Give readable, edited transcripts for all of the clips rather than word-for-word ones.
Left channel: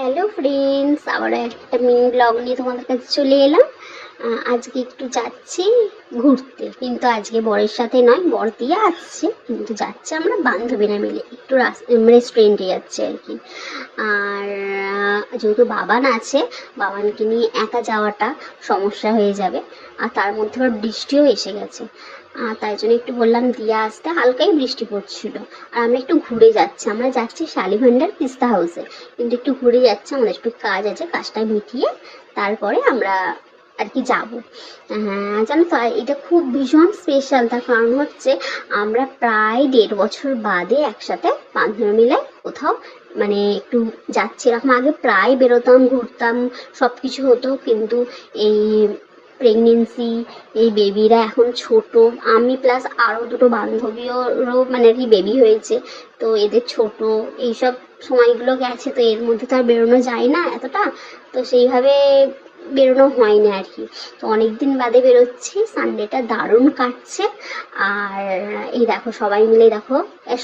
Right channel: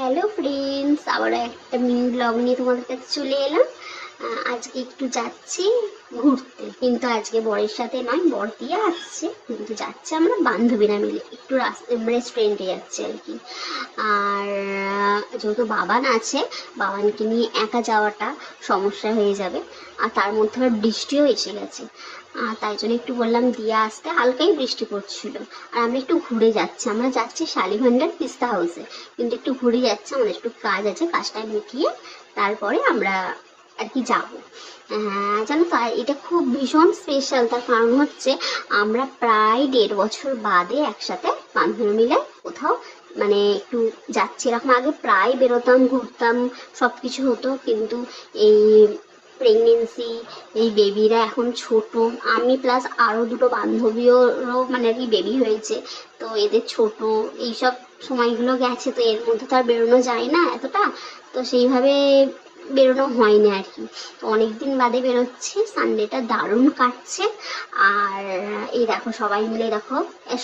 Hello friends, আবার একটা mini blog নিয়ে তোমাদের কাছে চলে এলাম। আজকে একটু যাচ্ছি ঘুরতে, কিন্তু আজকে বরের সাথে নয়, বর দিয়ে আসছে, কিন্তু যাচ্ছে আমরা বান্ধবীরা মিলে একটু রেস্টুরেন্টে যাচ্ছি আর কি। আর যেহেতু বাবান আছে, বাবানকে নিয়ে একা যাওয়াটা সমস্যা হয়ে যাবে, আর তার মধ্যে আবার বৃষ্টিও এসে গেছে। তাই জন্য একটু বললাম দিয়ে আসতে, হালকাই বৃষ্টি পড়ছিল। আর আমরা একটু ঘুরে যাচ্ছি, আমরা যাচ্ছি শালিভান্ডার পিস্তা হাউসে, কিন্তু একটু ঘুরে যাচ্ছে, আমাদের একটু কাজ আছে, কাজটা মিটিয়ে তারপরে আমরা আর কি যাবো। হ্যাঁ জানো তো, এটা খুব ভীষণ স্পেশাল। তার কারণ হচ্ছে আমরা প্রায় 1.5 বছর বাদে একসাথে বান্ধবীরা মিলে কোথাও মানে একটু যাচ্ছি। এরকম আগে প্রায় বেরোতাম, ঘুরতাম, সব কিছু হতো, কিন্তু এই প্রেগনেন্সি, এই বেবিরা এখন ছোট, আমি প্লাস আরও দুটো বান্ধবীরও মানে আর কি বেবি হয়েছে, তো এদের ছোট এইসব সময়গুলো গেছে, তো এর মধ্যে তো আর বেরোনো যায় না এতটা, তো সেইভাবে বেরোনো হয় না আর কি। তো অনেকদিন বাদে বেরোচ্ছি, সানডেটা দারুণ কাটছে। আর এই দেখো সবাই মিলে দেখো,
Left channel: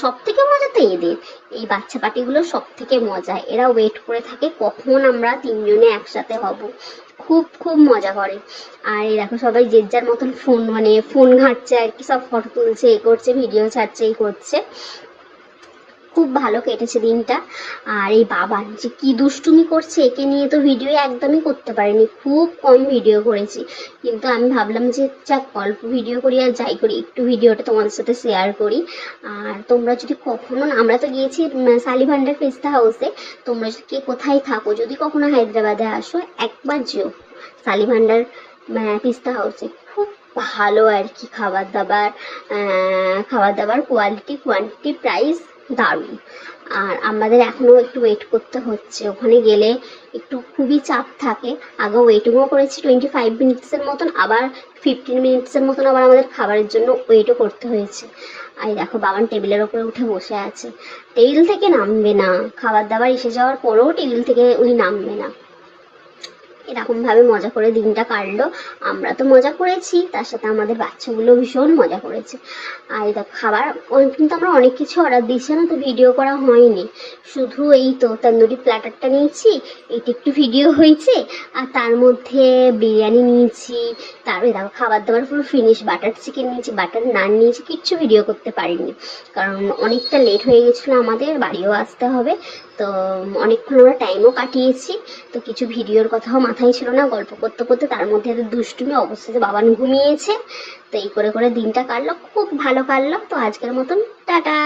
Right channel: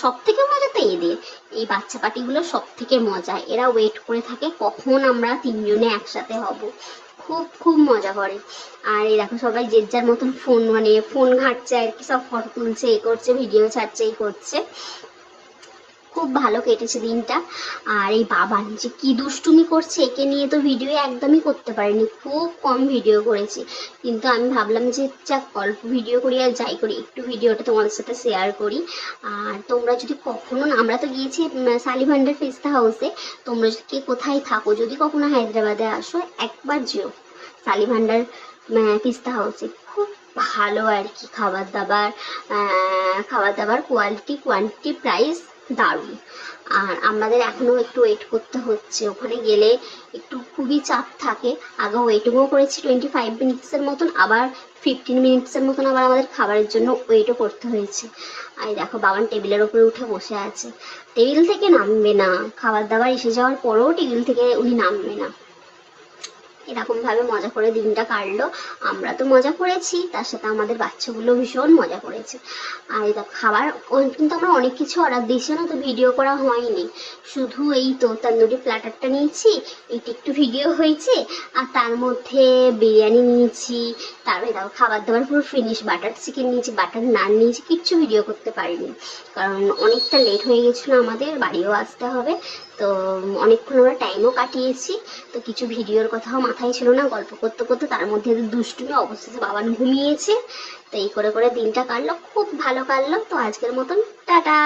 সব থেকে মজা তো এদের, এই বাচ্চা পাটিগুলো সব থেকে মজা, এরা ওয়েট করে থাকে কখন আমরা তিনজনে একসাথে হব, খুব খুব মজা করে। আর এই দেখো সবাই যে যার মতন ফোন মানে ফোন ঘাঁটছে আর কি, সব ফটো তুলছে, এই করছে, ভিডিও ছাড়ছে, এই করছে। খুব ভালো কেটেছে দিনটা। আর এই বাবান যে কি দুষ্টুমি করছে, একে নিয়ে তো ভিডিও একদমই করতে পারিনি, খুব কম ভিডিও করেছি, কিন্তু আমি ভাবলাম যে যাক অল্প ভিডিও করি আর যাই করি, একটু ভিডিওটা তোমাদের সাথে শেয়ার করি। আর তোমরা যদি কখনো, আমরা তো গিয়েছি শালিভান্ডার পিস্তা হাউসে, তোমরা যদি কে কোথায় থাকো, যদি কখনো হায়দ্রাবাদে আসো, একবার যেও শালিভান্ডার পিস্তা হাউসে। খুব ভালো আর কি, খাবার দাবার কোয়ালিটি, কোয়ান্টিটি, প্রাইস দারুণ। আর আমাদের এখনো একটু ওয়েট করতে হচ্ছে, ওখানে গেলে একটু খুবই চাপ থাকে। আগে ওয়েটিংও করেছি 25 মিনিটসের মতন, আবার 15 মিনিটসের মতন আবার আমাদের খাবারের জন্য ওয়েটও করতে হয়েছে। আর দেখো বাবান টেবিলের ওপরে উঠে বসে আছে, টেবিল থেকে নামবে না, খাবার দাবার এসে যাওয়ার পরেও টেবিল থেকে উনি নামবে না। এরকম ভাবে মজা করে দিনটা কাটলো। আমরা তো মজা করেছি, তার সাথে আমাদের বাচ্চাগুলো ভীষণ মজা করেছে। আর এটা খাবার কিন্তু আমরা অনেক কিছু অর্ডার দিয়েছিলাম, তো ভিডিও করা হয়নি, শুধু এই তো তন্দুরি প্ল্যাটারটা নিয়েছি, এটা একটু ভিডিও হয়েছে। আর তার মধ্যে বিরিয়ানি নিয়েছি, তারপরে দেখো খাবার দাবার পুরো ফিনিশ, বাটার চিকেন নিয়েছি, বাটার নান নিয়েছি, কিচ্ছু ভিডিও করতে পারিনি, কারণ অনেকটা লেট হয়ে গেছিলো, আমাদের বাড়িও আসতে হবে। তো অনেকক্ষণ আমরা টাইমও কাটিয়েছি, তো কিছু ভিডিওর কথাও মাথায় ছিল না, গল্প করতে করতে তার মধ্যে দুষ্টুমি, অবশেষে বাবান ঘুমিয়েছে। তো এই করে করে দিনটা কাটলো, খুব ভালো কাটলো। তো আজকের মতন টাটা।